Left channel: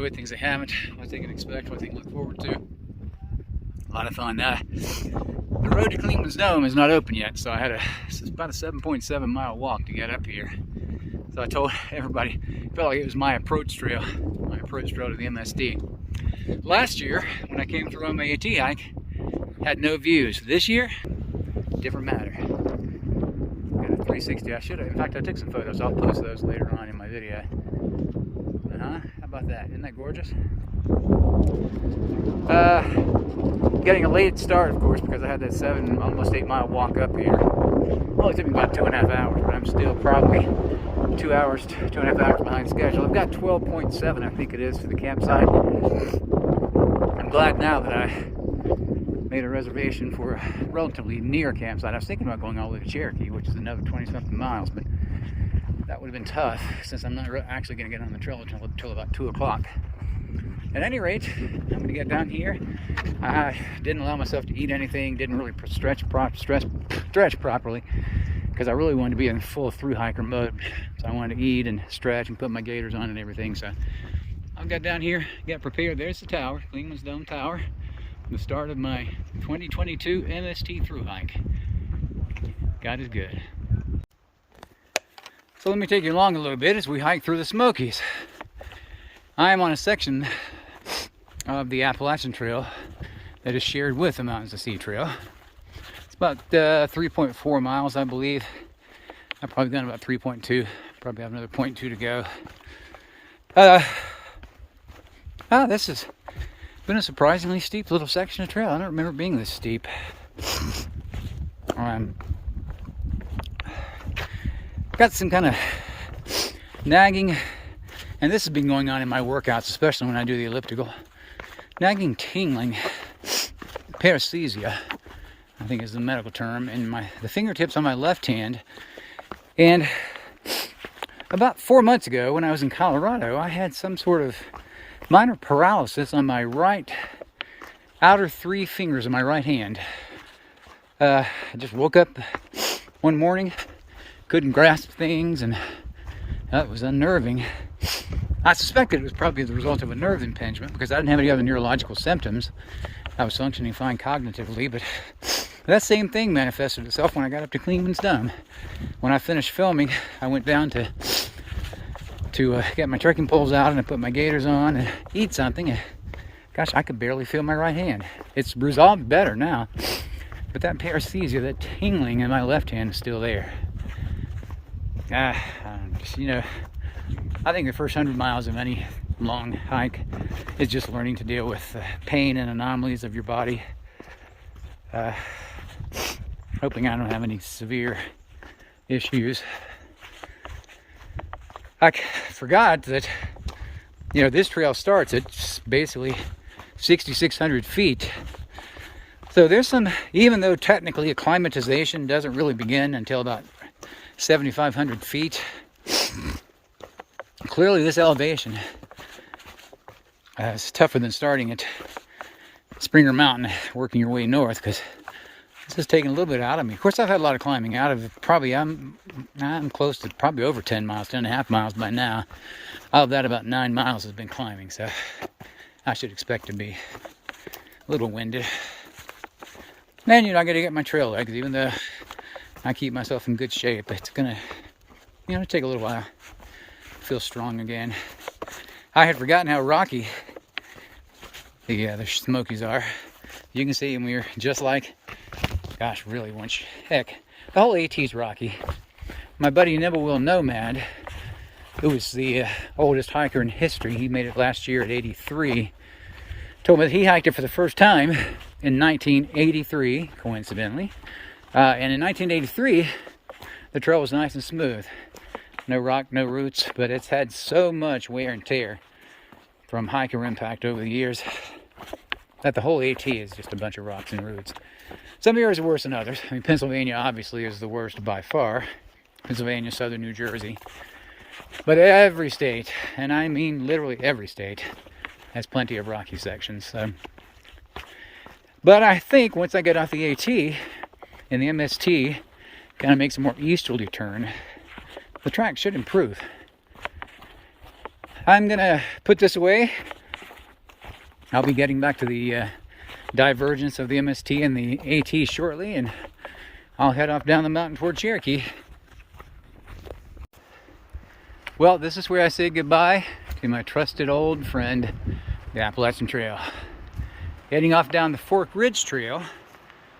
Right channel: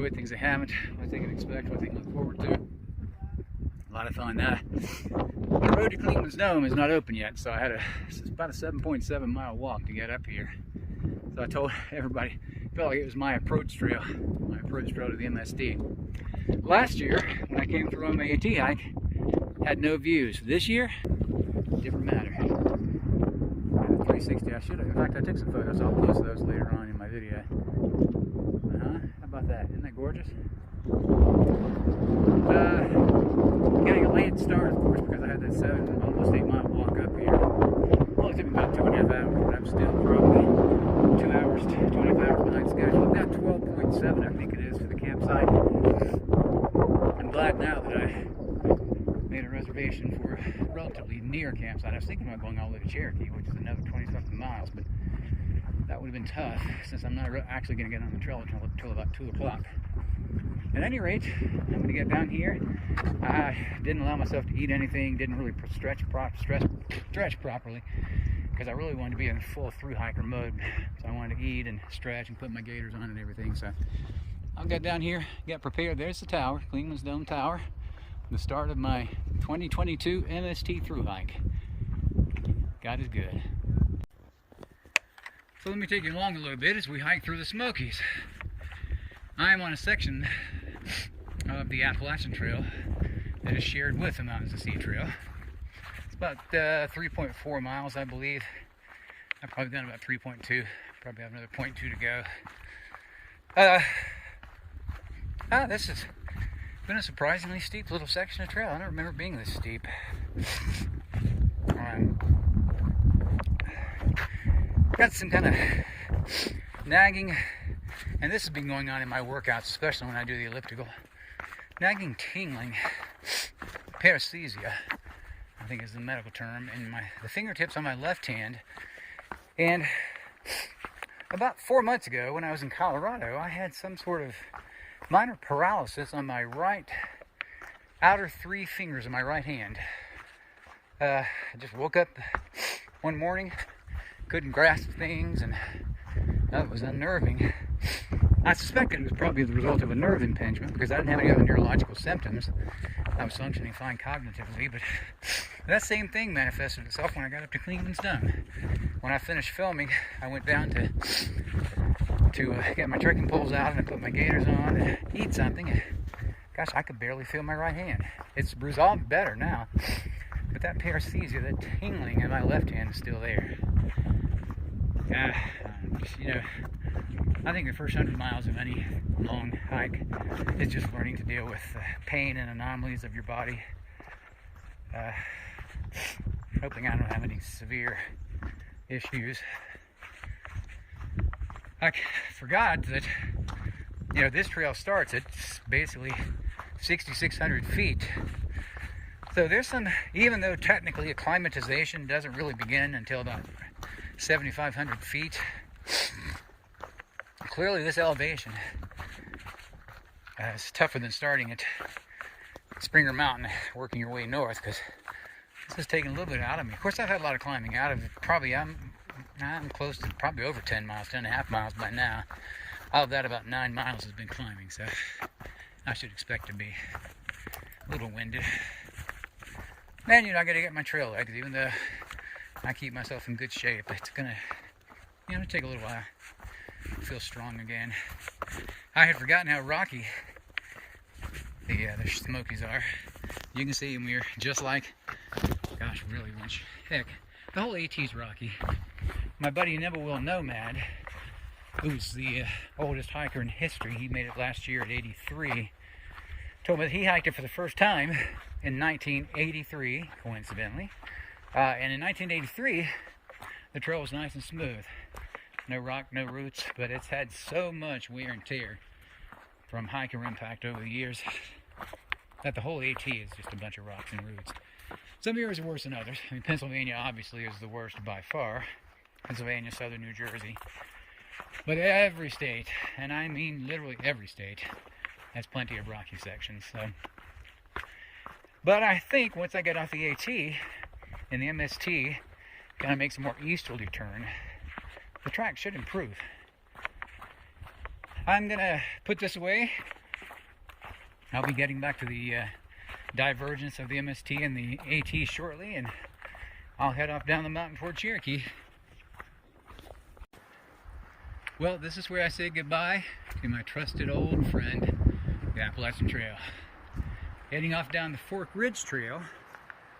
enjoyed, things I haven't, what they can expect, what they can look forward to. A lot of fun. The road to Cleveland's Dome is not open yet, so it's about a 7.7 mile walk to get up here. So I told everybody, I felt like it was my approach trail to the MST. Last year, when I came through on my AT hike, had no views. This year, different matter. Got a 360. In fact, I took some photos. I'll post those later on in my video. How about that? Isn't that gorgeous? Getting a late start, of course, because I had that almost 8 mile walk up here. Well, it took me about 2.5 hours, but I'm still probably 2 hours, 2.5 hours behind schedule. I've got 12.7, I think it is, to the campsite. I'm glad now that I made a reservation for a relatively near campsite. I was thinking about going all the way to Cherokee, which is another 20-something miles, but that would have been tough since I'm not actually going to get on the trail until about 2 o'clock. At any rate, I'm going to get down here. I didn't allow myself to eat anything, didn't really stretch properly, because I really wanted to be in full through hiker mode. So I wanted to eat and stretch and put my gaiters on and everything. So I'll get down here, get prepared. There's the tower, Cleveland's Dome Tower, the start of my 2022 MST through hike. God is good. So let me take you along a little bit as we hike through the Smokies. I am on a section of the Appalachian Trail that is shared with the Mountains to Sea Trail. It's about 3.4 miles, I believe. I've probably done about 3.2. Probably have another 0.2 to go. This has been a surprisingly steep little section of trail. I don't remember it being this steep. Got some kind of nagging, and this has been going on in my workouts, especially when I do the elliptical. Nagging tingling, paresthesia, I think is the medical term, in the fingertips on my left hand. And about 4 months ago, when I was in Colorado, I had some sort of minor paralysis on my right outer 3 fingers of my right hand. I just woke up one morning, couldn't grasp things, and that was unnerving. I suspected it was probably the result of a nerve impingement because I didn't have any other neurological symptoms. I was functioning fine cognitively, but that same thing manifested itself when I got up to Cleveland's Dome. When I finished filming, I went down to get my trekking poles out and I put my gaiters on and eat something. And gosh, I could barely feel my right hand. It's resolved better now, but that paresthesia, that tingling in my left hand is still there. I think the first 100 miles of any long hike is just learning to deal with the pain and anomalies of your body. Hoping I don't have any severe issues. I forgot that, this trail starts at basically 6,600 feet. So there's some, even though technically acclimatization doesn't really begin until about 7,500 feet, clearly this elevation is tougher than starting at Springer Mountain, working your way north, because this is taking a little bit out of me. Of course, I've had a lot of climbing out of it. Probably, I'm close to probably over 10 miles, 10.5 miles by now. All of that, about 9 miles has been climbing, so I should expect to be a little winded. And I got to get my trail legs, even though I keep myself in good shape. It's gonna, take a little while to feel strong again. I had forgotten how rocky the Smokies are. You can see them. We're just like, gosh, really, heck, the whole AT's rocky. My buddy Nibblewheel Nomad, who is the oldest hiker in history, he made it last year at 83, told me that he hiked it for the first time in 1983, coincidentally. And in 1983, the trail was nice and smooth. No rock, no roots, but it's had so much wear and tear from hiker impact over the years that the whole AT is just a bunch of rocks and roots. Some areas are worse than others. I mean, Pennsylvania obviously is the worst by far. Pennsylvania, southern New Jersey. But every state, and I mean literally every state, has plenty of rocky sections. So. But I think once I get off the AT and the MST kind of makes a more easterly turn, the track should improve. I'm gonna put this away. I'll be getting back to the divergence of the MST and the AT shortly, and I'll head off down the mountain toward Cherokee. Well, this is where I say goodbye to my trusted old friend, the Appalachian Trail. Heading off down the Fork Ridge Trail.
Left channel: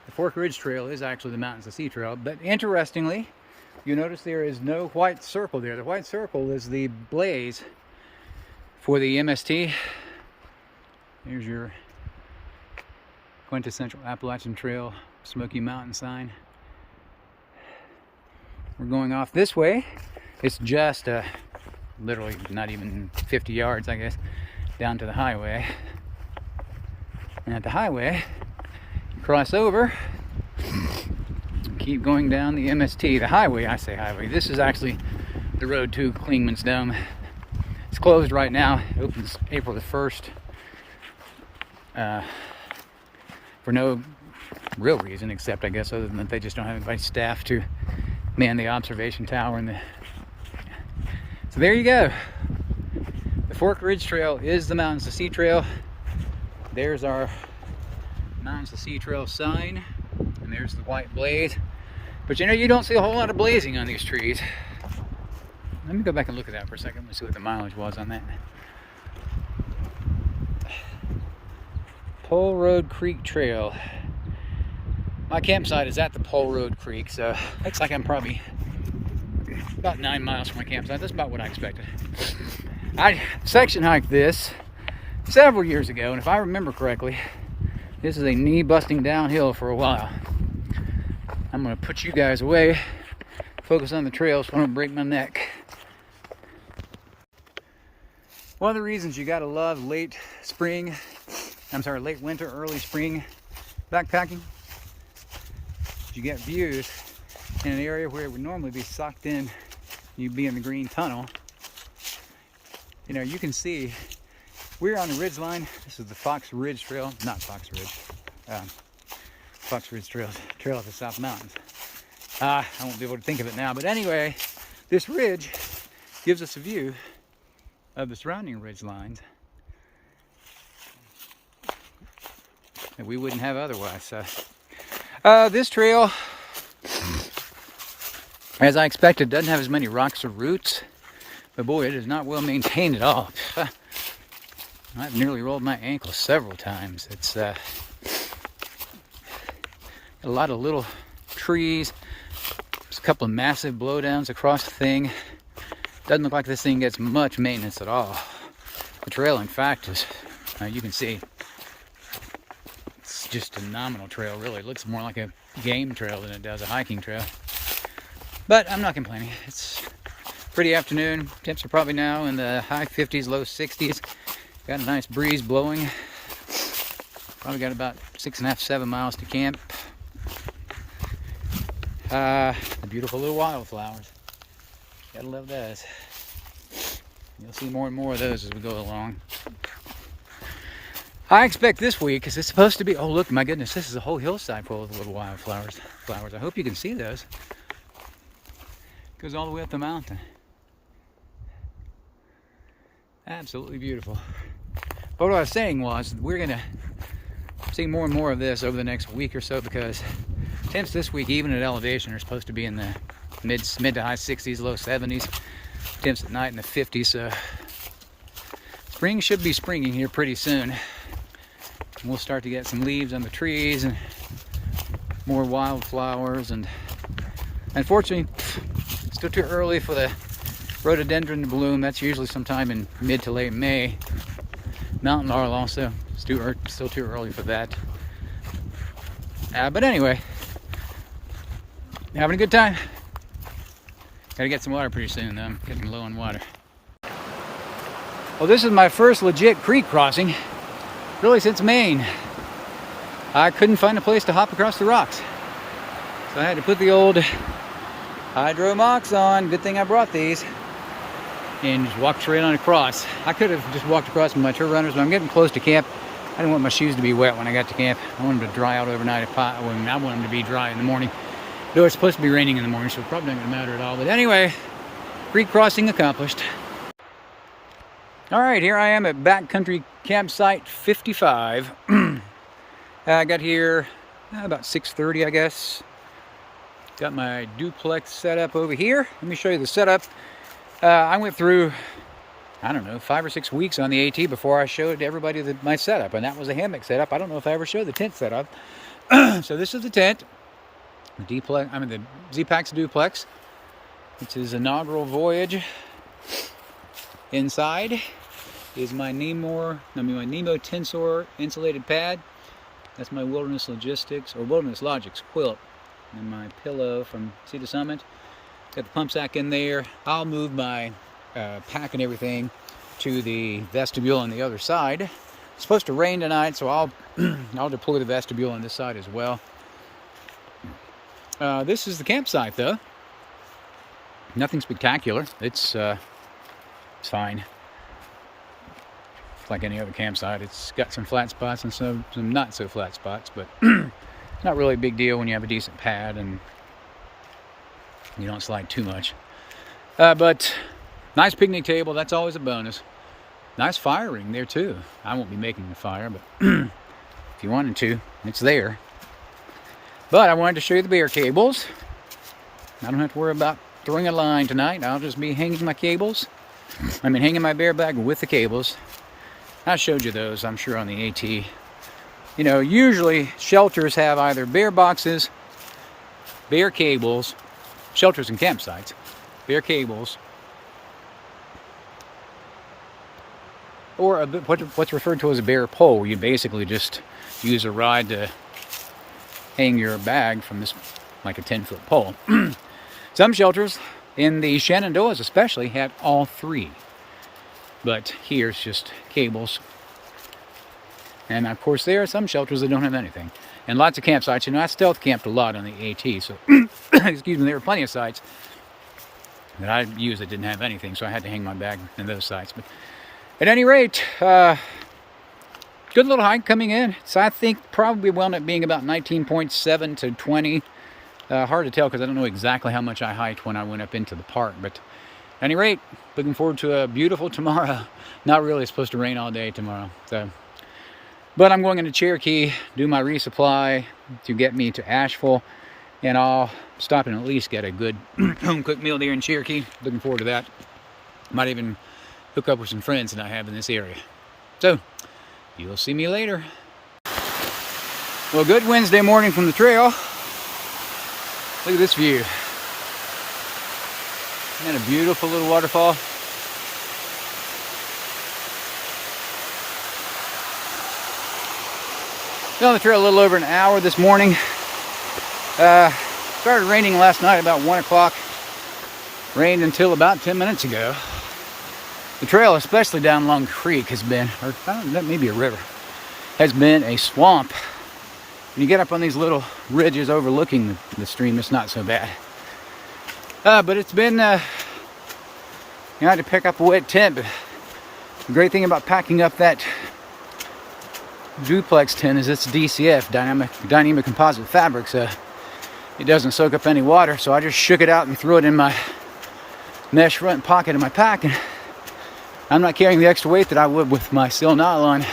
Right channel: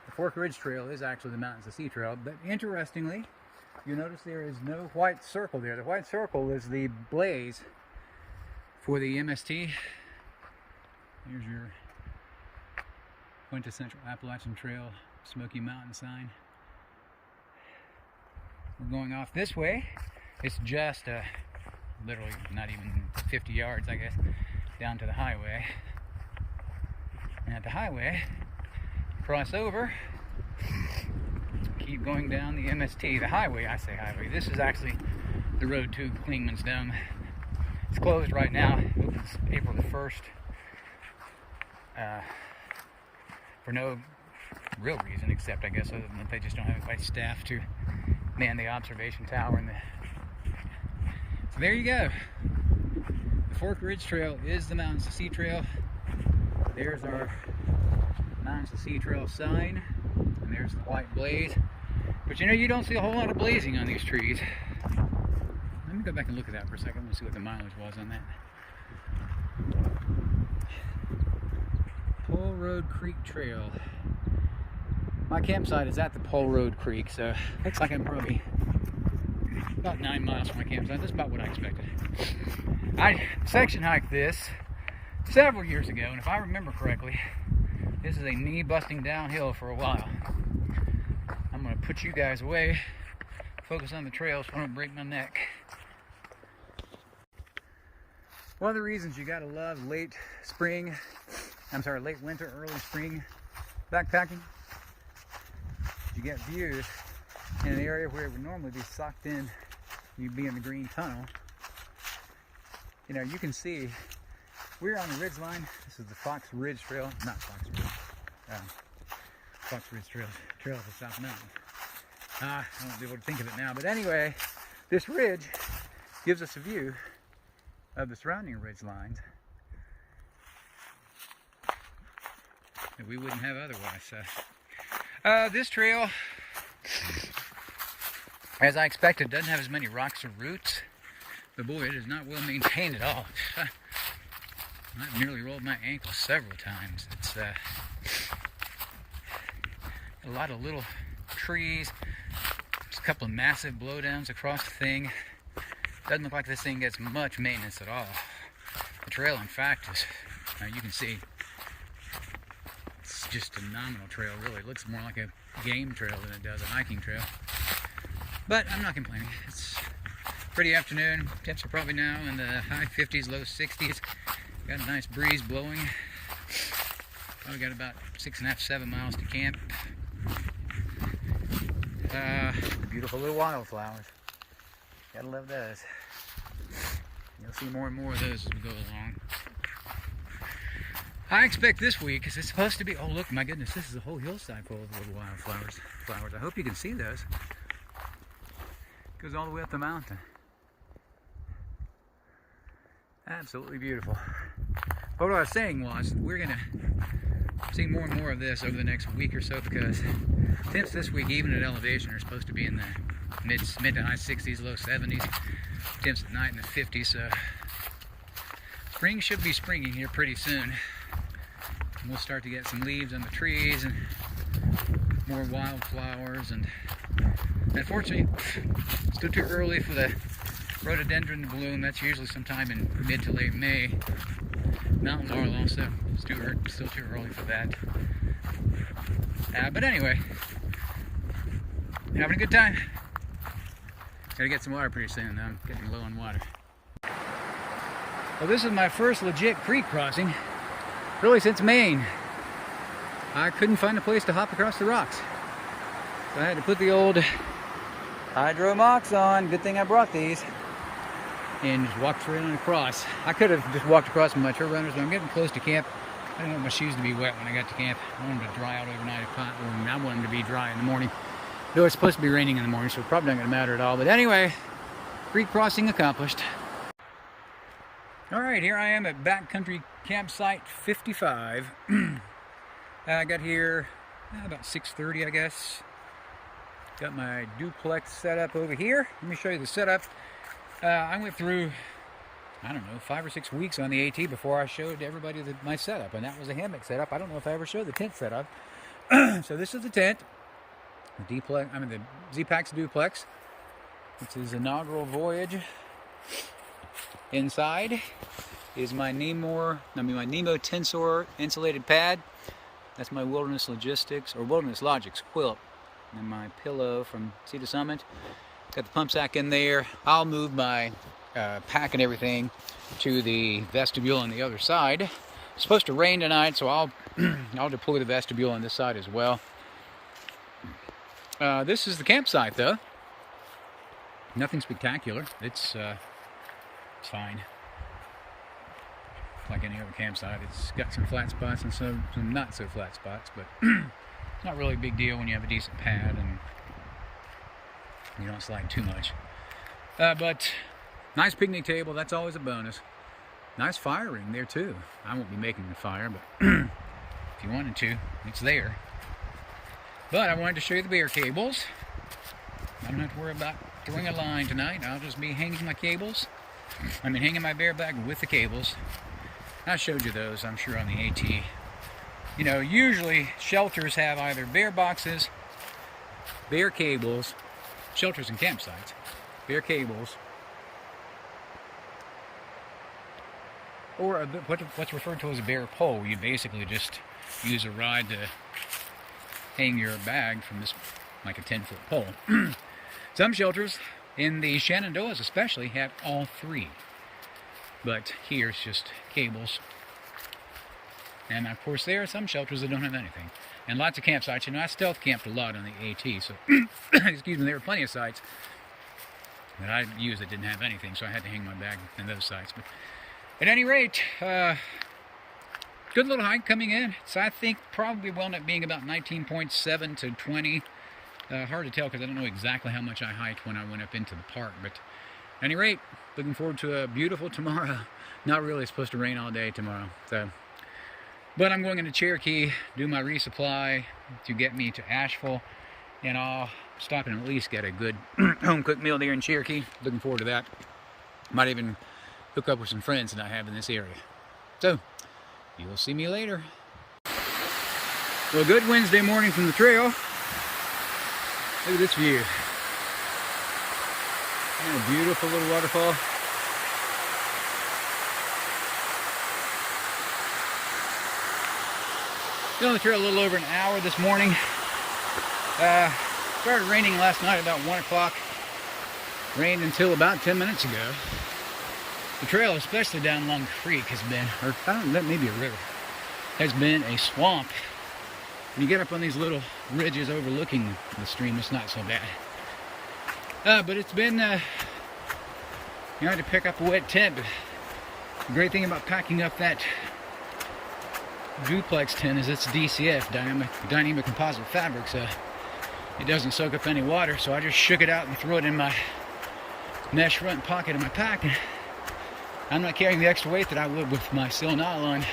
The Fork Ridge Trail is actually the Mountains to Sea Trail, but interestingly, you notice there is no white circle there. The white circle is the blaze for the MST. Here's your quintessential Appalachian Trail Smoky Mountain sign. We're going off this way. It's just literally not even 50 yards, I guess, down to the highway. And at the highway, you cross over and keep going down the MST. The highway, I say highway. This is actually the road to Klingman's Dome. It's closed right now. It opens April the 1st. For no real reason, except I guess other than that they just don't have anybody staff to man the observation tower. So there you go. The Fork Ridge Trail is the Mountains to Sea Trail. There's our Mountains to Sea Trail sign, and there's the white blaze. But you know, you don't see a whole lot of blazing on these trees. Let me go back and look at that for a second and see what the mileage was on that. Pole Road Creek Trail. My campsite is at the Pole Road Creek, so looks like I'm probably about 9 miles from my campsite. That's about what I expected. I section hiked this several years ago, and if I remember correctly, this is a knee-busting downhill for a while. I'm going to put you guys away, focus on the trails so I don't break my neck. One of the reasons you gotta love late winter, early spring backpacking, you get views in an area where it would normally be socked in. You'd be in the green tunnel. You know, you can see we're on the ridge line. This is the Fox Ridge Trail, not Fox Ridge. Fox Ridge Trail of the South Mountains. I won't be able to think of it now, but anyway, this ridge gives us a view of the surrounding ridge lines that we wouldn't have otherwise. So, this trail, as I expected, doesn't have as many rocks or roots, but boy, it is not well maintained at all. I've nearly rolled my ankle several times. It's a lot of little trees, just a couple of massive blowdowns across the thing. Doesn't look like this thing gets much maintenance at all. The trail, in fact, is, you can see, it's just a nominal trail, really. It looks more like a game trail than it does a hiking trail. But I'm not complaining. It's a pretty afternoon. Temps are probably now in the high 50s, low 60s. Got a nice breeze blowing. Probably got about 6.5, 7 miles to camp. The beautiful little wildflowers. Gotta love those. You'll see more and more of those as we go along. I expect this week, because it's supposed to be, oh look, my goodness, this is a whole hillside full of little wildflowers. I hope you can see those. It goes all the way up the mountain. Absolutely beautiful. But what I was saying was, we're gonna see more and more of this over the next week or so, because temps this week, even at elevation, are supposed to be in the mid to high 60s, low 70s. Temps at night in the 50s. So spring should be springing here pretty soon. We'll start to get some leaves on the trees and more wildflowers. And unfortunately, still too early for the rhododendron to bloom. That's usually sometime in mid to late May. Mountain laurel also, still too early for that. But anyway, having a good time. Gotta get some water pretty soon though. I'm getting low on water. Well, this is my first legit creek crossing, really since Maine. I couldn't find a place to hop across the rocks, so I had to put the old hydro mocks on. Good thing I brought these. And just walk straight on across. I could have just walked across with my trail runners, but I'm getting close to camp. I didn't want my shoes to be wet when I got to camp. I want them to dry out overnight. I want them to be dry in the morning. Though it's supposed to be raining in the morning, so it's probably not going to matter at all. But anyway, creek crossing accomplished. All right, here I am at Backcountry Campsite 55. I got here about 6:30, I guess. Got my duplex set up over here. Let me show you the setup. I went through, I don't know, 5 or 6 weeks on the AT before I showed everybody my setup, and that was a hammock setup. I don't know if I ever showed the tent setup. So this is the tent, the Z-Packs duplex. It's his inaugural voyage. Inside is my Nemo Tensor insulated pad. That's my Wilderness Logics quilt. And my pillow from Sea to Summit. Got the pump sack in there. I'll move my pack and everything to the vestibule on the other side. It's supposed to rain tonight, so I'll deploy the vestibule on this side as well. This is the campsite, though. Nothing spectacular. It's fine. It's like any other campsite. It's got some flat spots and some not so flat spots, but not really a big deal when you have a decent pad and you don't slide too much. But nice picnic table, that's always a bonus. Nice fire ring there too. I won't be making the fire, but if you wanted to, it's there. But I wanted to show you the bear cables. I don't have to worry about throwing a line tonight. I'll just be hanging my cables. Hanging my bear bag with the cables. I showed you those, I'm sure, on the AT. You know, usually shelters have either bear boxes, bear cables, shelters and campsites, bear cables, or what's referred to as a bear pole. You basically just use a ride to hang your bag from this, like a 10-foot pole. Some shelters, in the Shenandoahs especially, have all three. But here's just cables. And of course there are some shelters that don't have anything. And lots of campsites. You know, I stealth camped a lot on the AT, so excuse me, there were plenty of sites that I used that didn't have anything, so I had to hang my bag in those sites. But at any rate, good little hike coming in. So I think probably wound up being about 19.7 to 20. Hard to tell because I don't know exactly how much I hiked when I went up into the park. But at any rate, looking forward to a beautiful tomorrow. Not really, it's supposed to rain all day tomorrow. But I'm going into Cherokee, do my resupply to get me to Asheville. And I'll stop and at least get a good home-cooked meal there in Cherokee. Looking forward to that. Might even hook up with some friends that I have in this area. So, you'll see me later. Well, good Wednesday morning from the trail. Look at this view. And a beautiful little waterfall. Been on the trail a little over an hour this morning. Started raining last night about 1 o'clock. Rained until about 10 minutes ago. The trail, especially down along the creek, has been, or I don't know, maybe a river, has been a swamp. When you get up on these little ridges overlooking the stream, it's not so bad. But it's been, you know, I had to pick up a wet tent, but the great thing about packing up that duplex tent is it's DCF, dynamic composite fabric, so it doesn't soak up any water. So I just shook it out and threw it in my mesh front pocket of my pack, and I'm not carrying the extra weight that I would with my seal nylon,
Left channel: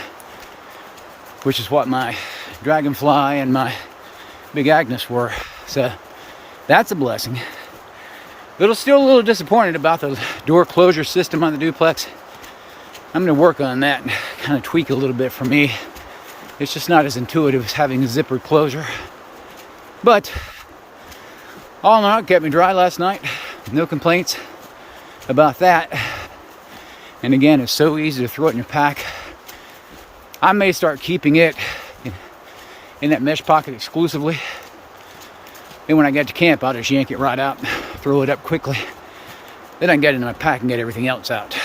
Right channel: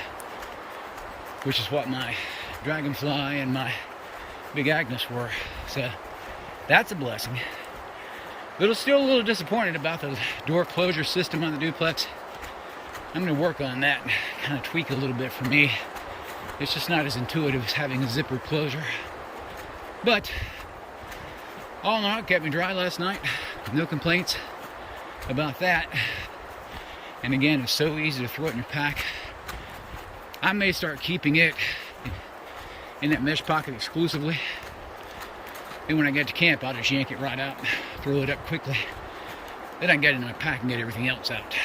which is what my Dragonfly and my Big Agnes were. So that's a blessing. Still a little disappointed about the door closure system on the duplex. I'm going to work on that, kind of tweak it a little bit for me. It's just not as intuitive as having a zipper closure. But all in all, it kept me dry last night. No complaints about that. And again, it's so easy to throw it in your pack. I may start keeping it in that mesh pocket exclusively. And when I get to camp, I'll just yank it right out, throw it up quickly. Then I can get it in my pack and get everything else out.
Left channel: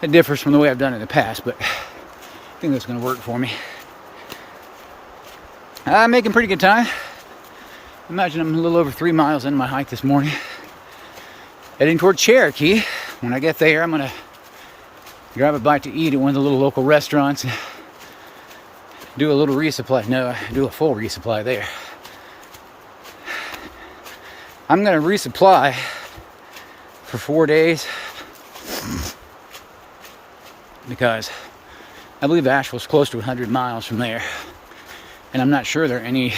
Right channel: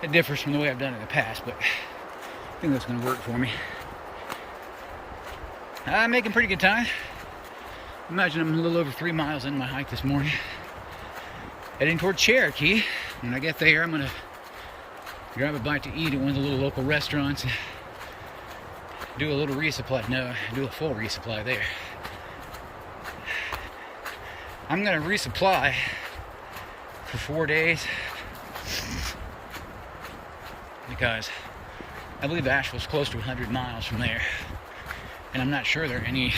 It differs from the way I've done it in the past, but I think that's going to work for me. I'm making pretty good time. Imagine I'm a little over 3 miles into my hike this morning. Heading toward Cherokee. When I get there, I'm going to grab a bite to eat at one of the little local restaurants and do a little resupply. No, do a full resupply there. I'm going to resupply for 4 days. because I believe Asheville's close to 100 miles from there, and I'm not sure there are any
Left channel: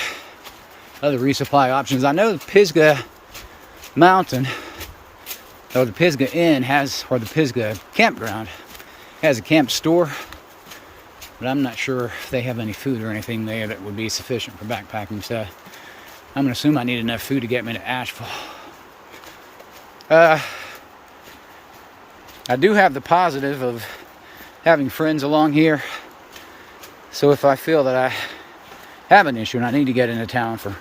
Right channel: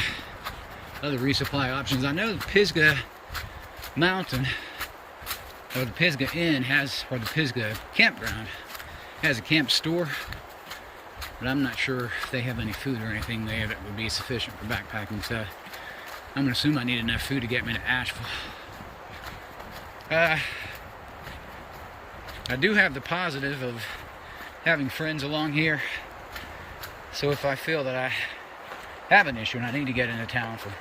other resupply options. I know the Pisgah Mountain, or the Pisgah Inn has, or the Pisgah Campground has a camp store, but I'm not sure if they have any food or anything there that would be sufficient for backpacking. So I'm gonna assume I need enough food to get me to Asheville. I do have the positive of having friends along here, so if I feel that I have an issue and I need to get into town for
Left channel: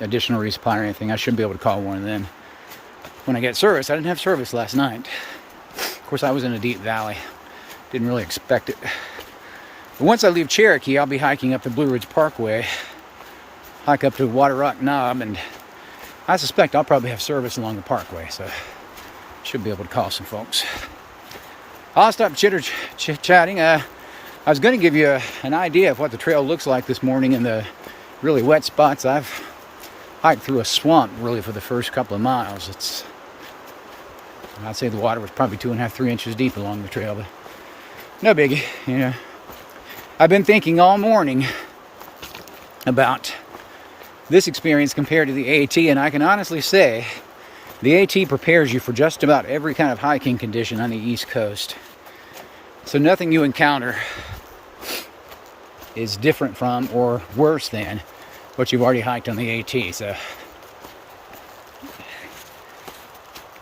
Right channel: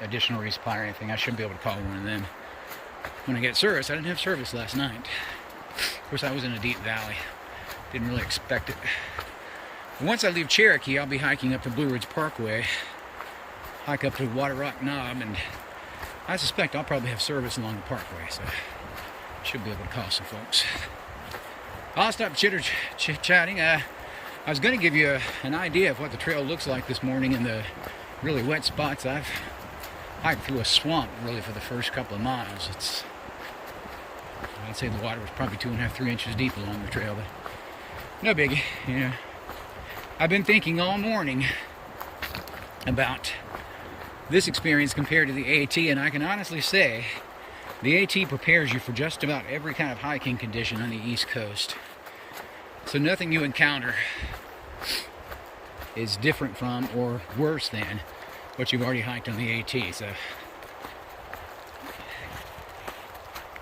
additional resupply or anything, I should be able to call one of them when I get service. I didn't have service last night. Of course, I was in a deep valley. Didn't really expect it. But once I leave Cherokee, I'll be hiking up the Blue Ridge Parkway, hike up to Water Rock Knob, and I suspect I'll probably have service along the parkway, so should be able to call some folks. I'll stop chitter-chatting. I was going to give you an idea of what the trail looks like this morning in the really wet spots. I've hiked through a swamp really for the first couple of miles. I'd say the water was probably 2.5, 3 inches deep along the trail, but no biggie. Yeah, I've been thinking all morning about this experience compared to the AT, and I can honestly say the AT prepares you for just about every kind of hiking condition on the East Coast. So nothing you encounter is different from or worse than what you've already hiked on the AT. So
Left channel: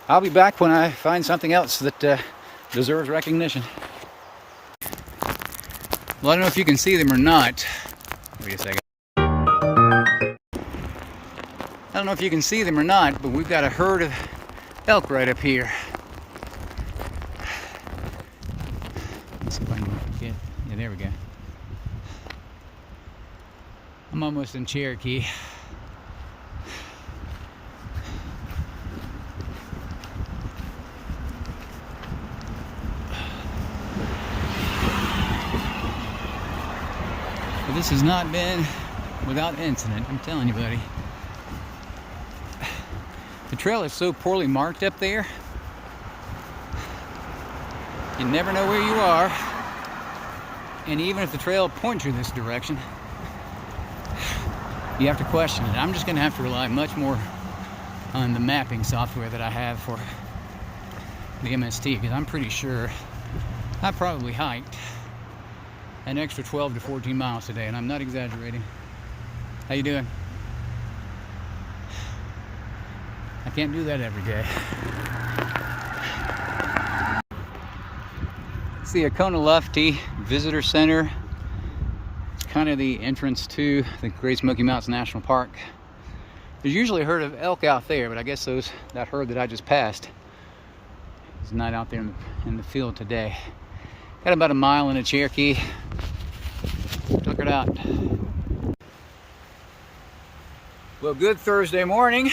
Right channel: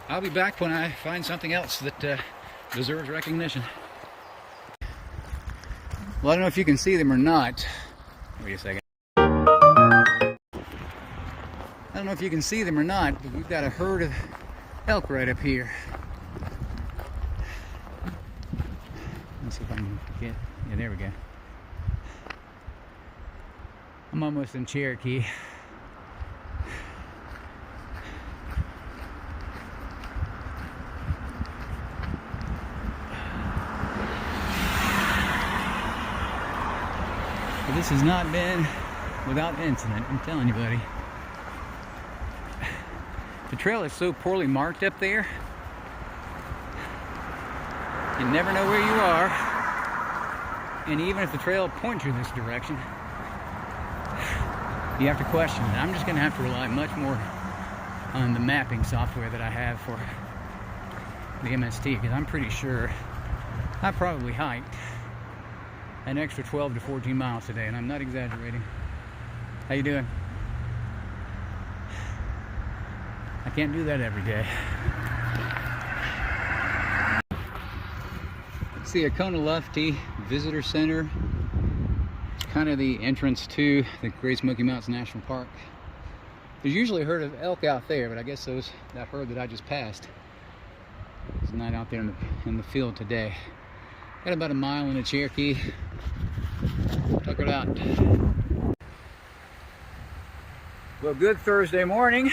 I'll be back when I find something else that deserves recognition. Well, I don't know if you can see them or not. Wait a second. I don't know if you can see them or not, but we've got a herd of elk right up here. Let's see if I can get, yeah, there we go. I'm almost in Cherokee. But this has not been without incident, I'm telling you, buddy. The trail is so poorly marked up there, you never know where you are. And even if the trail points you this direction, you have to question it. I'm just going to have to rely much more on the mapping software that I have for the MST, because I'm pretty sure I probably hiked an extra 12 to 14 miles today, and I'm not exaggerating. How you doing? I can't do that every day. It's the Oconee Visitor Center. It's kind of the entrance to the Great Smoky Mountains National Park. There's usually a herd of elk out there, but I guess that herd that I just passed is not out there in the field today. Got about a mile into Cherokee. Took it out. Well, good Thursday morning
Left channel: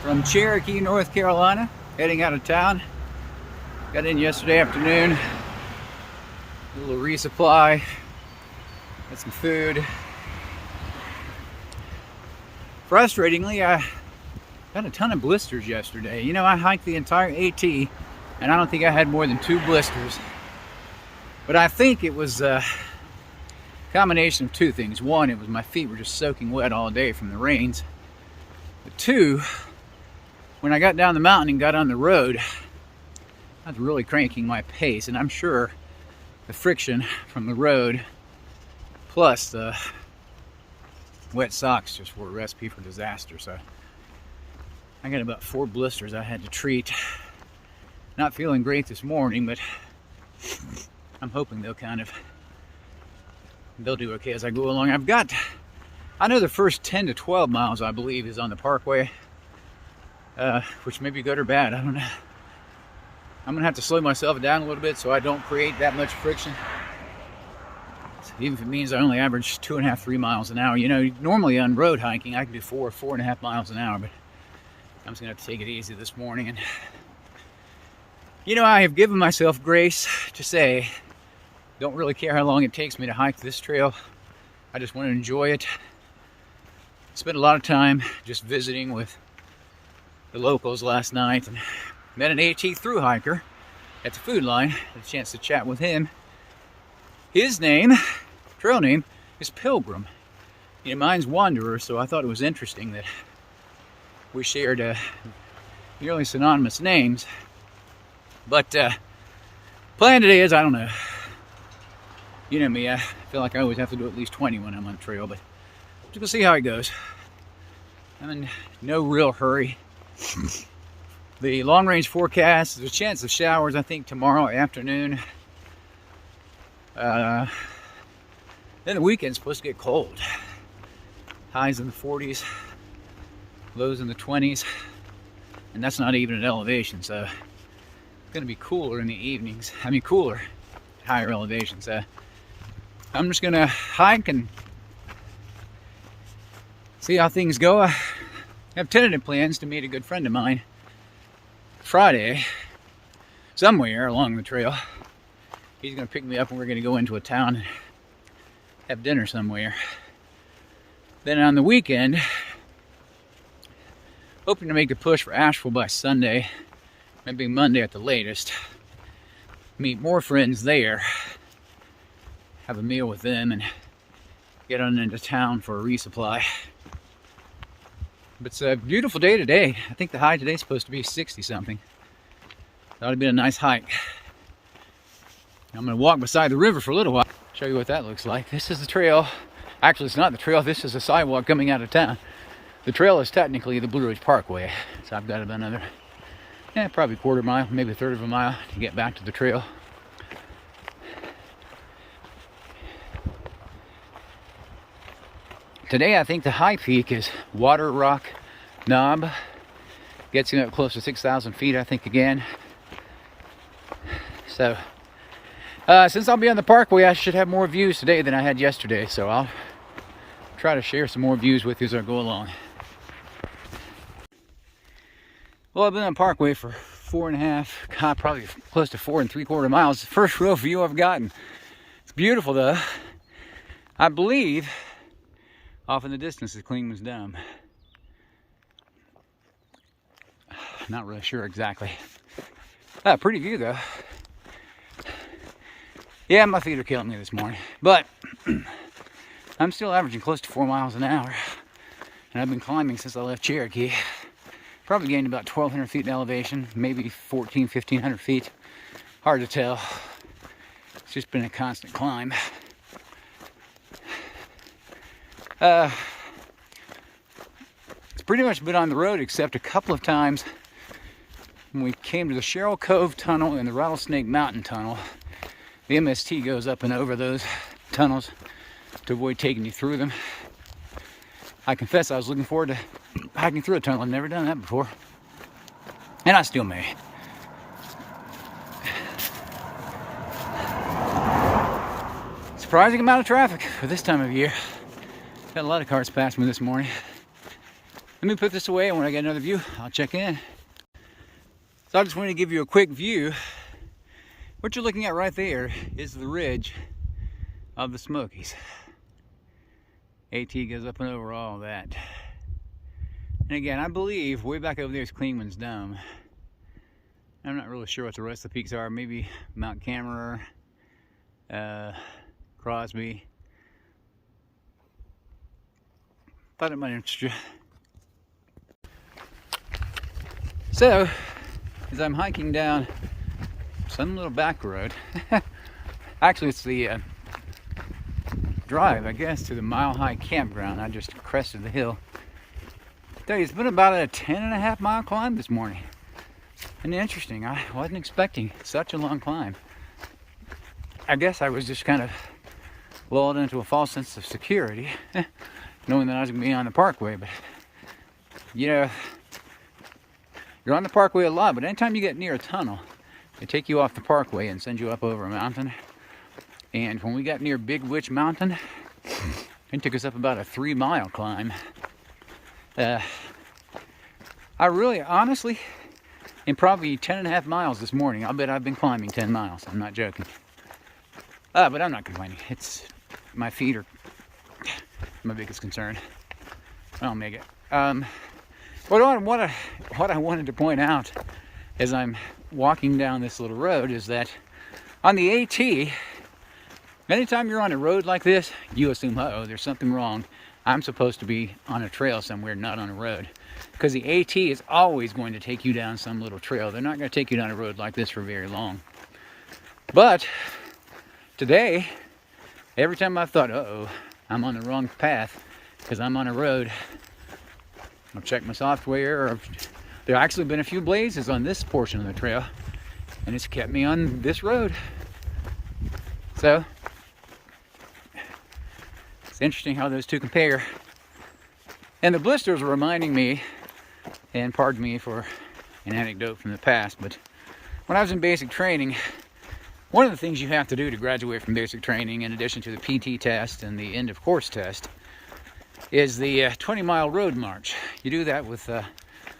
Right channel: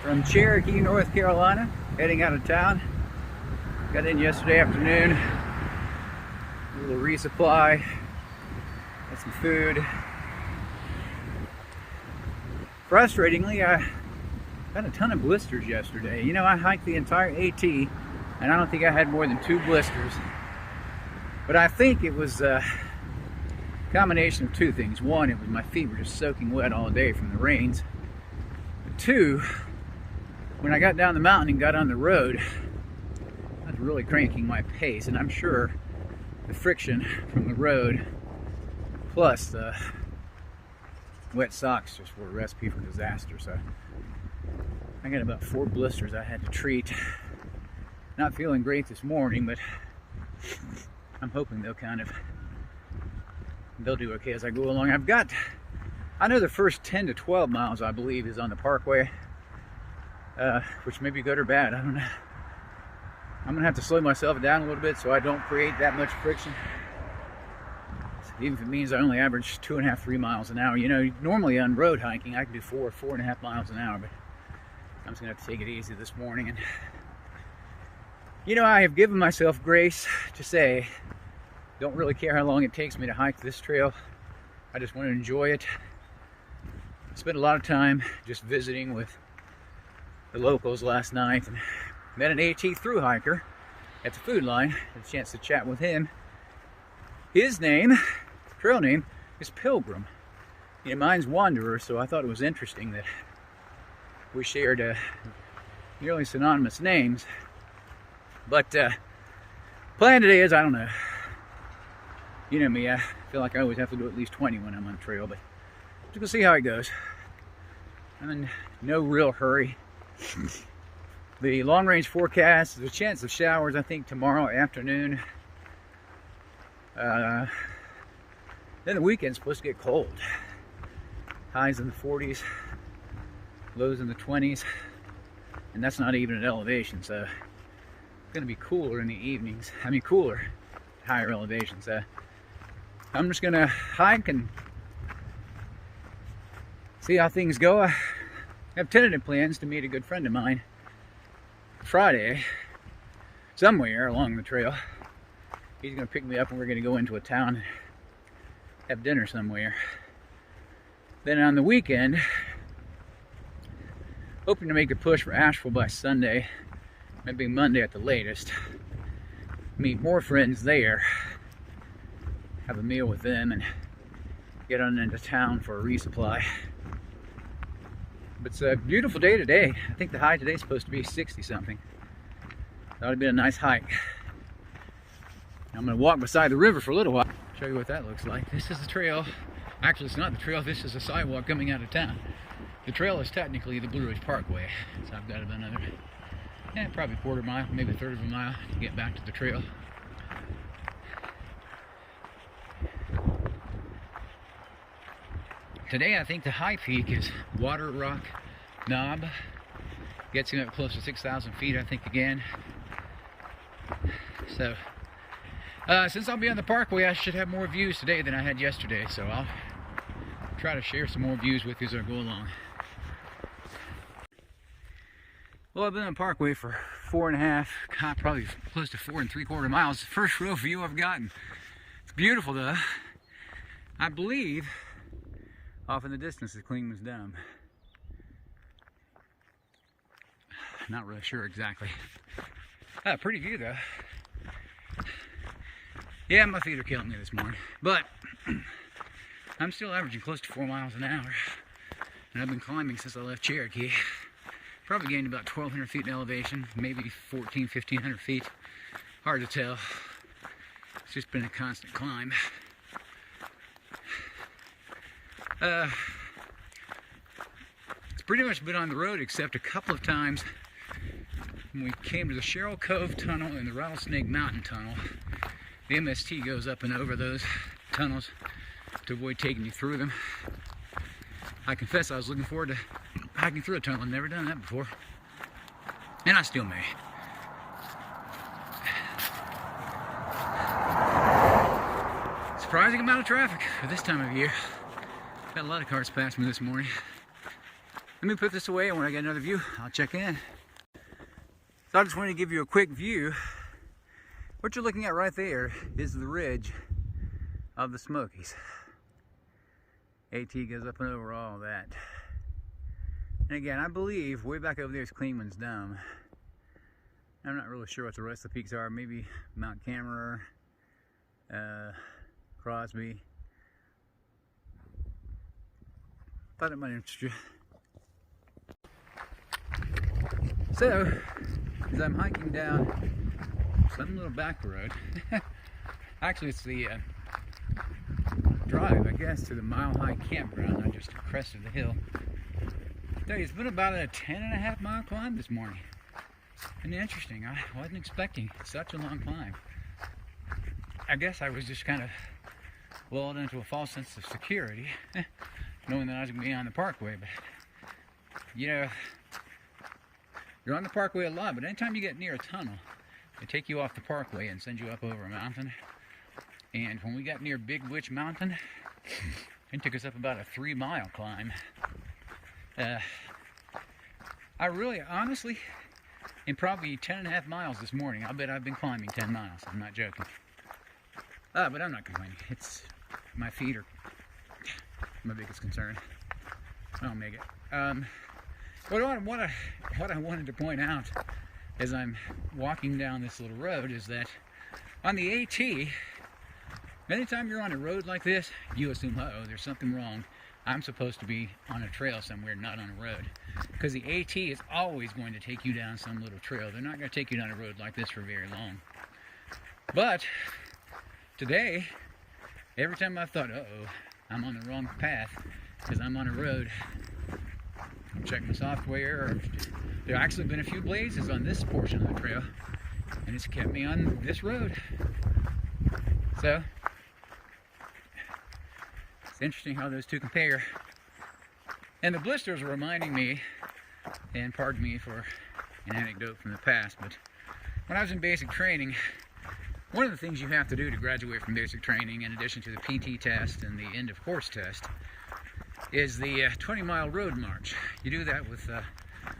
from Cherokee, North Carolina, heading out of town. Got in yesterday afternoon, a little resupply, got some food. Frustratingly, I got a ton of blisters yesterday. You know, I hiked the entire AT, and I don't think I had more than 2 blisters. But I think it was a combination of 2 things. One, it was my feet were just soaking wet all day from the rains. But 2, when I got down the mountain and got on the road, I was really cranking my pace, and I'm sure the friction from the road plus the wet socks just were a recipe for disaster. So I got about 4 blisters I had to treat. Not feeling great this morning, but I'm hoping they'll do okay as I go along. I know the first 10 to 12 miles, I believe, is on the parkway, which may be good or bad, I don't know. I'm gonna have to slow myself down a little bit so I don't create that much friction. Even if it means I only average 2.5, 3 miles an hour. You know, normally on road hiking, I can do 4.5 miles an hour, but I'm just gonna have to take it easy this morning. And you know, I have given myself grace to say, don't really care how long it takes me to hike this trail. I just want to enjoy it. Spent a lot of time just visiting with the locals last night, and met an AT THRU hiker at the food line. Had a chance to chat with him. His name, trail name, is Pilgrim. You know, mine's Wanderer, so I thought it was interesting that we shared nearly synonymous names. But plan today is, I don't know. You know me, I feel like I always have to do at least 20 when I'm on the trail, but just gonna see how it goes. I'm in no real hurry. The long range forecast, there's a chance of showers, I think, tomorrow afternoon. Then the weekend's supposed to get cold. Highs in the 40s, lows in the 20s, and that's not even at elevation, so it's gonna be cooler in the evenings. I mean, cooler, higher elevations. I'm just gonna hike and see how things go. I have tentative plans to meet a good friend of mine Friday, somewhere along the trail. He's gonna pick me up and we're gonna go into a town and have dinner somewhere. Then on the weekend, hoping to make a push for Asheville by Sunday, maybe Monday at the latest. Meet more friends there, have a meal with them, and get on into town for a resupply. But it's a beautiful day today. I think the high today is supposed to be 60 something. That would be a nice hike. I'm gonna walk beside the river for a little while. Show you what that looks like. This is the trail. Actually, it's not the trail. This is a sidewalk coming out of town. The trail is technically the Blue Ridge Parkway. So I've got about another, probably quarter mile, maybe a third of a mile to get back to the trail. Today, I think the high peak is Water Rock Knob. Gets you up close to 6,000 feet, I think, again. So, since I'll be on the parkway, I should have more views today than I had yesterday. So I'll try to share some more views with you as I go along. Well, I've been on the parkway for 4.5, probably close to 4 3/4 miles. It's the first real view I've gotten. It's beautiful, though. I believe off in the distance is Clingman's Dome. Not really sure exactly. Pretty view, though. Yeah, my feet are killing me this morning, but I'm still averaging close to 4 miles an hour, and I've been climbing since I left Cherokee. Probably gained about 1,200 feet in elevation, maybe 1,500 feet. Hard to tell. It's just been a constant climb. It's pretty much been on the road except a couple of times when we came to the Sherrill Cove Tunnel and the Rattlesnake Mountain Tunnel. The MST goes up and over those tunnels to avoid taking you through them. I confess I was looking forward to hiking through a tunnel. I've never done that before. And I still may. Surprising amount of traffic for this time of year. Had a lot of cars pass me this morning. Let me put this away, and when I get another view, I'll check in. So I just wanted to give you a quick view. What you're looking at right there is the ridge of the Smokies. AT goes up and over all that. And again, I believe way back over there is Clingman's Dome. I'm not really sure what the rest of the peaks are. Maybe Mount Cameron, Crosby. Thought it might interest you. So, as I'm hiking down some little back road, actually it's the drive, I guess, to the Mile High Campground. I just crested the hill. Tell you, it's been about a 10.5 mile climb this morning. And interesting, I wasn't expecting such a long climb. I guess I was just kind of lulled into a false sense of security, knowing that I was going to be on the parkway. But, you know, you're on the parkway a lot, but anytime you get near a tunnel, they take you off the parkway and send you up over a mountain. And when we got near Big Witch Mountain, it took us up about a 3-mile climb. I really, honestly, in probably 10.5 miles this morning, I'll bet I've been climbing 10 miles. I'm not joking. But I'm not complaining. It's, my feet are my biggest concern. I'll make it. What I wanted to point out as I'm walking down this little road is that on the AT, anytime you're on a road like this, you assume, uh-oh, there's something wrong. I'm supposed to be on a trail somewhere, not on a road. Because the AT is always going to take you down some little trail. They're not going to take you down a road like this for very long. But today, every time I've thought, uh-oh, I'm on the wrong path because I'm on a road, I'll check my software. There have actually been a few blazes on this portion of the trail, and it's kept me on this road. So, it's interesting how those two compare. And the blisters were reminding me, and pardon me for an anecdote from the past, but when I was in basic training, one of the things you have to do to graduate from basic training, in addition to the PT test and the end of course test, is the 20-mile road march. You do that with a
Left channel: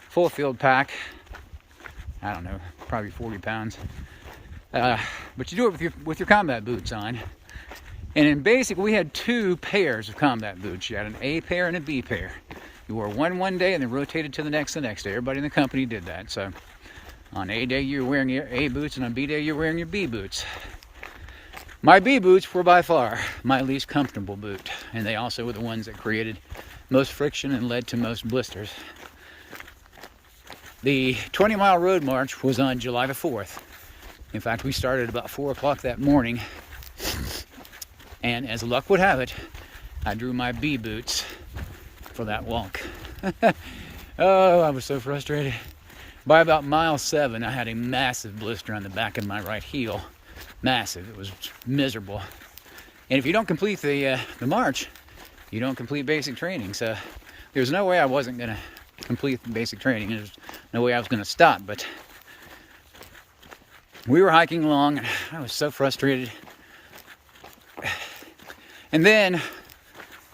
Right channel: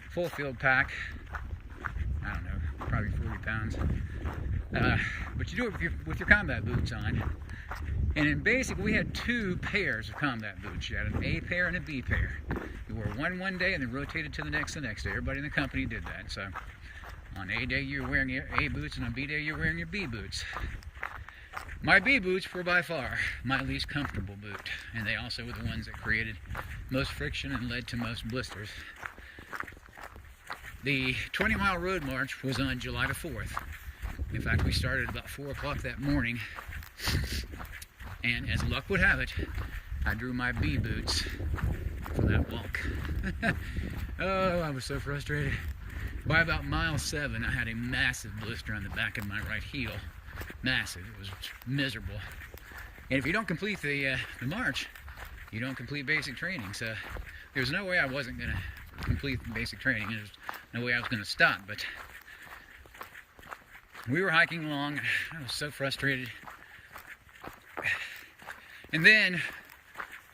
full field pack, I don't know, probably 40 pounds. But you do it with your combat boots on. And in basic, we had two pairs of combat boots. You had an A pair and a B pair. You wore one day and then rotated to the next day. Everybody in the company did that. So on A day, you were wearing your A boots, and on B day, you were wearing your B boots. My B boots were by far my least comfortable boot, and they also were the ones that created most friction and led to most blisters. The 20-mile road march was on July the 4th. In fact, we started about 4 o'clock that morning, and as luck would have it, I drew my B boots for that walk. Oh, I was so frustrated. By about mile 7, I had a massive blister on the back of my right heel. Massive. It was miserable. And if you don't complete the march, you don't complete basic training. So there's no way I wasn't going to complete the basic training. There's no way I was going to stop. But we were hiking along, and I was so frustrated. And then,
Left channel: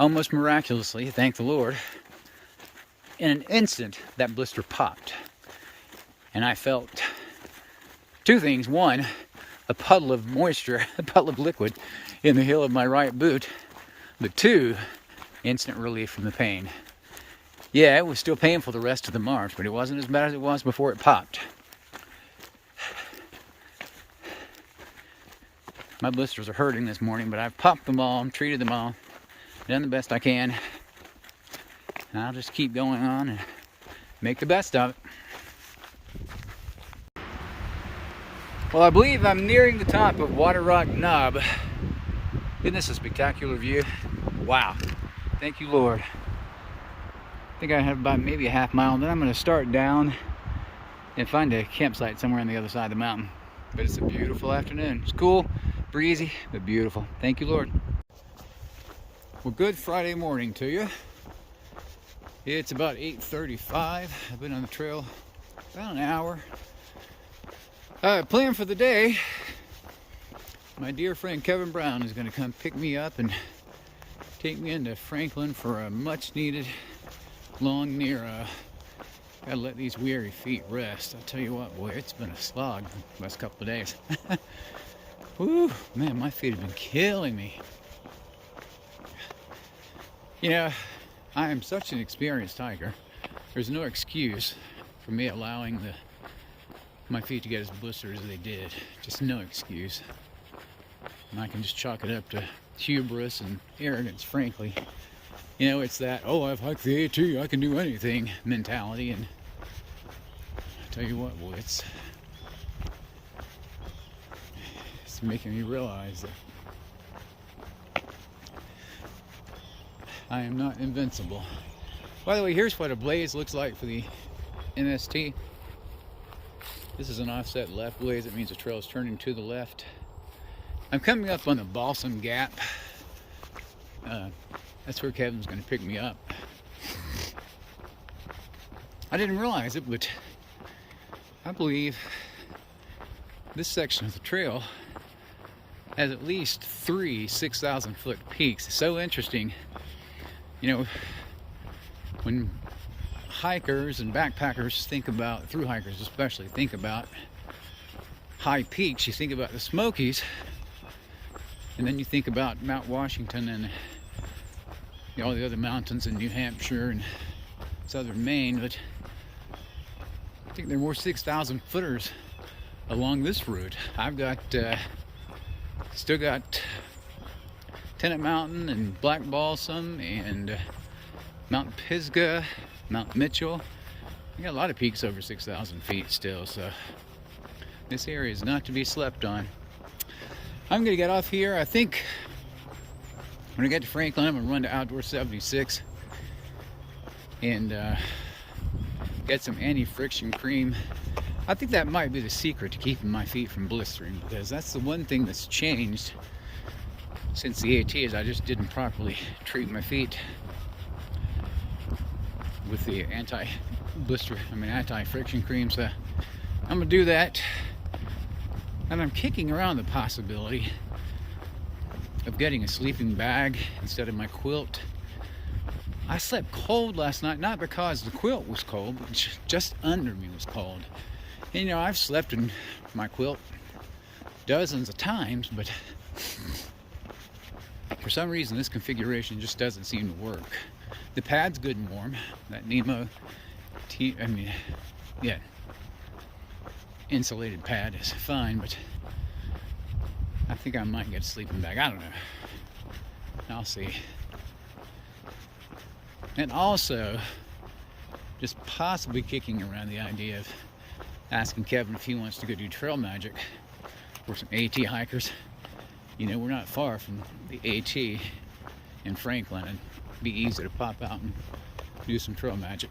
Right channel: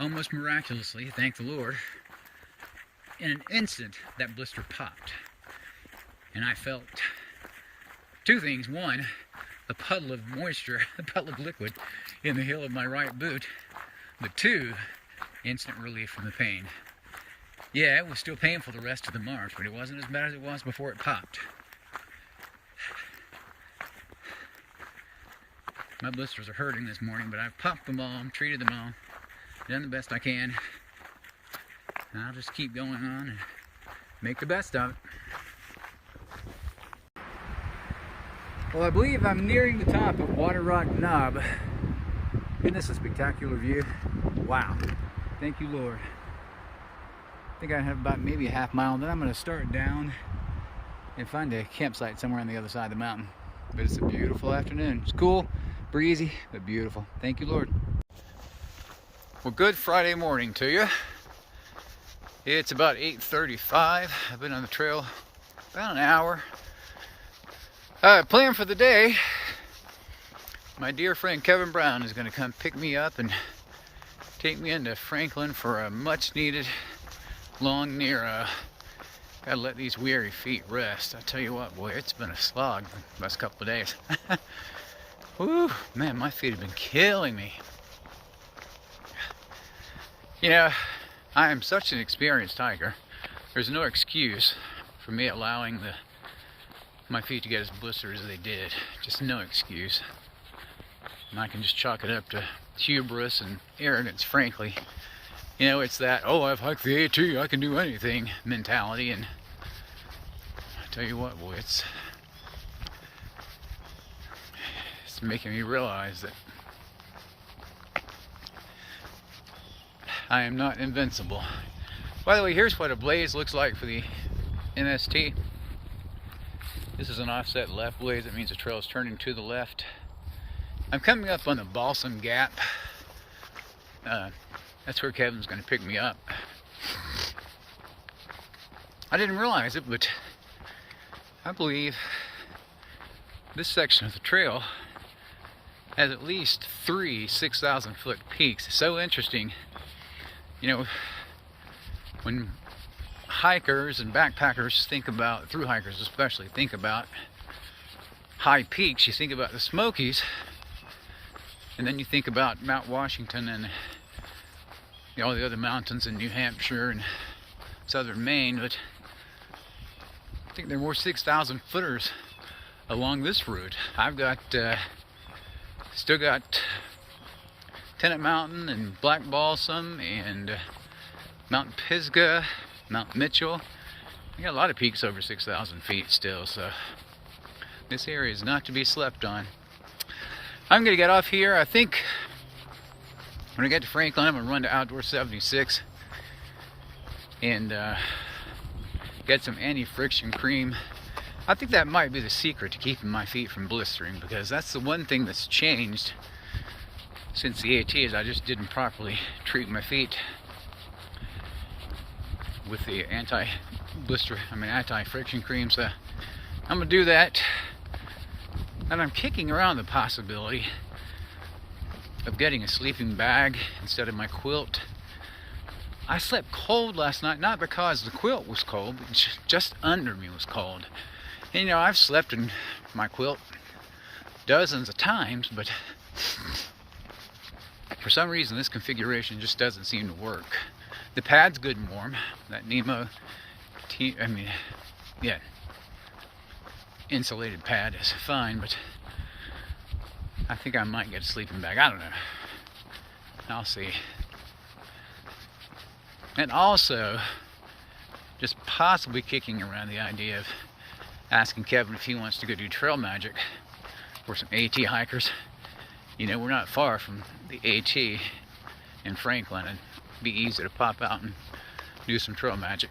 almost miraculously, thank the Lord, in an instant, that blister popped. And I felt two things. One, a puddle of moisture, a puddle of liquid in the heel of my right boot. But two, instant relief from the pain. Yeah, it was still painful the rest of the march, but it wasn't as bad as it was before it popped. My blisters are hurting this morning, but I've popped them all, treated them all, done the best I can. And I'll just keep going on and make the best of it. Well, I believe I'm nearing the top of Water Rock Knob. Isn't this a spectacular view? Wow. Thank you, Lord. I think I have about maybe a half mile. Then I'm going to start down and find a campsite somewhere on the other side of the mountain. But it's a beautiful afternoon. It's cool, breezy, but beautiful. Thank you, Lord. Well, good Friday morning to you. It's about 8:35. I've been on the trail about an hour. Plan for the day, my dear friend Kevin Brown is going to come pick me up and take me into Franklin for a much needed long near. Gotta let these weary feet rest. I tell you what, boy, it's been a slog the last couple of days. Whew, man, my feet have been killing me. You know, I am such an experienced hiker. There's no excuse for me allowing my feet to get as blistered as they did. Just no excuse. And I can just chalk it up to hubris and arrogance, frankly. You know, it's that, oh, I've hiked the AT, I can do anything mentality. And I tell you what, boy, it's making me realize that I am not invincible. By the way, here's what a blaze looks like for the MST. This is an offset left blaze. That means the trail is turning to the left. I'm coming up on the Balsam Gap. That's where Kevin's going to pick me up. I didn't realize it, but I believe this section of the trail has at least 3 6,000-foot peaks. So interesting. You know, when hikers and backpackers think about, through hikers especially, think about high peaks, you think about the Smokies, and then you think about Mount Washington and all the other mountains in New Hampshire and southern Maine, but I think there are more 6,000 footers along this route. I've got still got Tennant Mountain and Black Balsam and Mount Pisgah, Mount Mitchell. I got a lot of peaks over 6,000 feet still, so this area is not to be slept on. I'm gonna get off here. I think when I get to Franklin, I'm gonna run to Outdoor 76 and get some anti-friction cream. I think that might be the secret to keeping my feet from blistering, because that's the one thing that's changed since the AT is I just didn't properly treat my feet with the anti-friction cream. So I'm gonna do that, and I'm kicking around the possibility of getting a sleeping bag instead of my quilt. I slept cold last night, not because the quilt was cold, but just under me was cold. And you know, I've slept in my quilt dozens of times, but for some reason this configuration just doesn't seem to work. The pad's good and warm. That Nemo insulated pad is fine, but I think I might get a sleeping bag. I don't know. I'll see. And also, just possibly kicking around the idea of asking Kevin if he wants to go do trail magic for some AT hikers. You know, we're not far from the AT in Franklin, and it'd be easy to pop out and do some trail magic.